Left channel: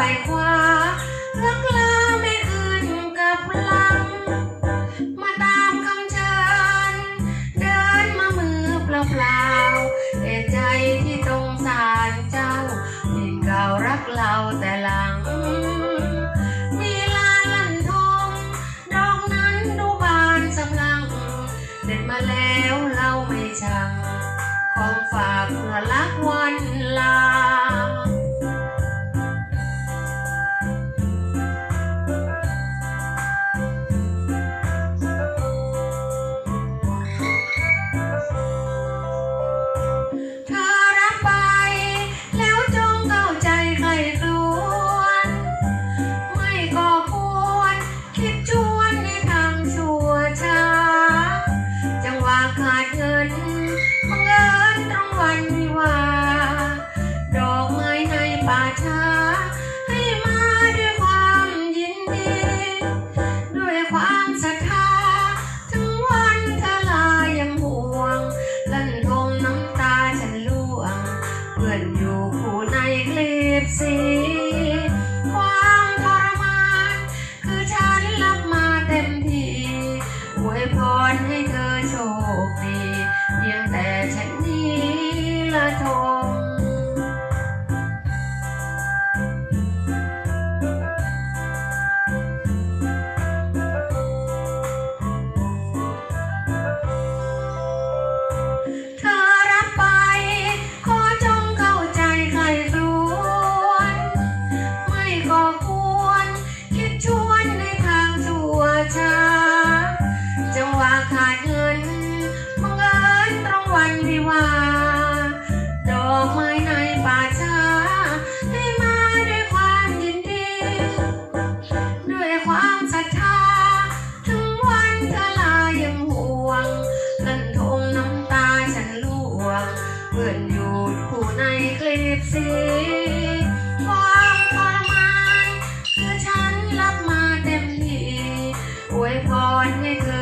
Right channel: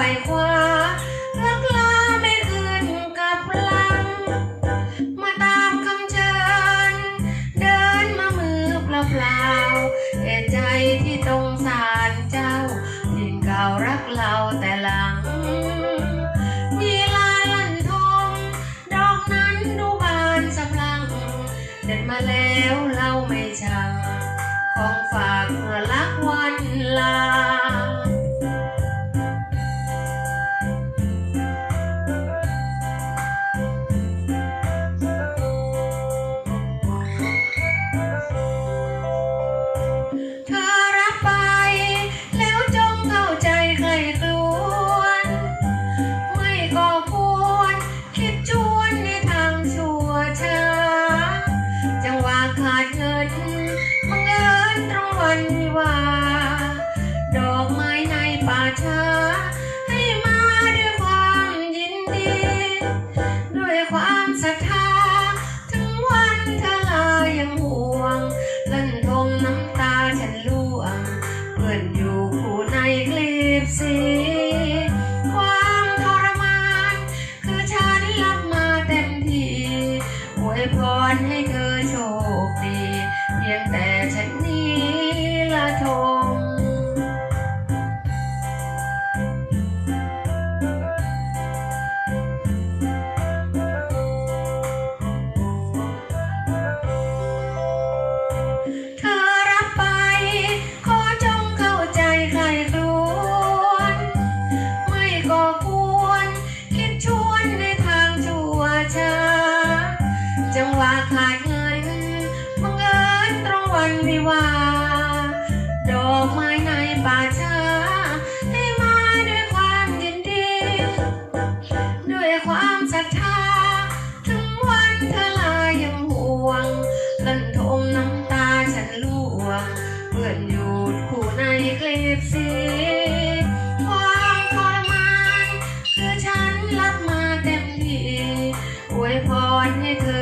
วยคว้าลักลาได้อื่นกับลัง มาตามคำเชิญ เดินมามือเปล่าเปล่าแต่ใจที่ตรงสารเจ้าที่เก่ารักเราแต่หลัง มีลาลันทงดอกนั้นดูบานสำลัง เด็ดมาแล้วเราไม่ช้า ฝันว่า ดอกไม้ในป่าชาได้มาด้วยความยินดี ด้วยความศรัทธาถึงวันเธอลายังห่วงลันทมน้ำตาฉันล่วเพื่อนูขู่ในคลิปสีความทรมานคือฉันรับมาเต็มที่อวยพรให้เธอ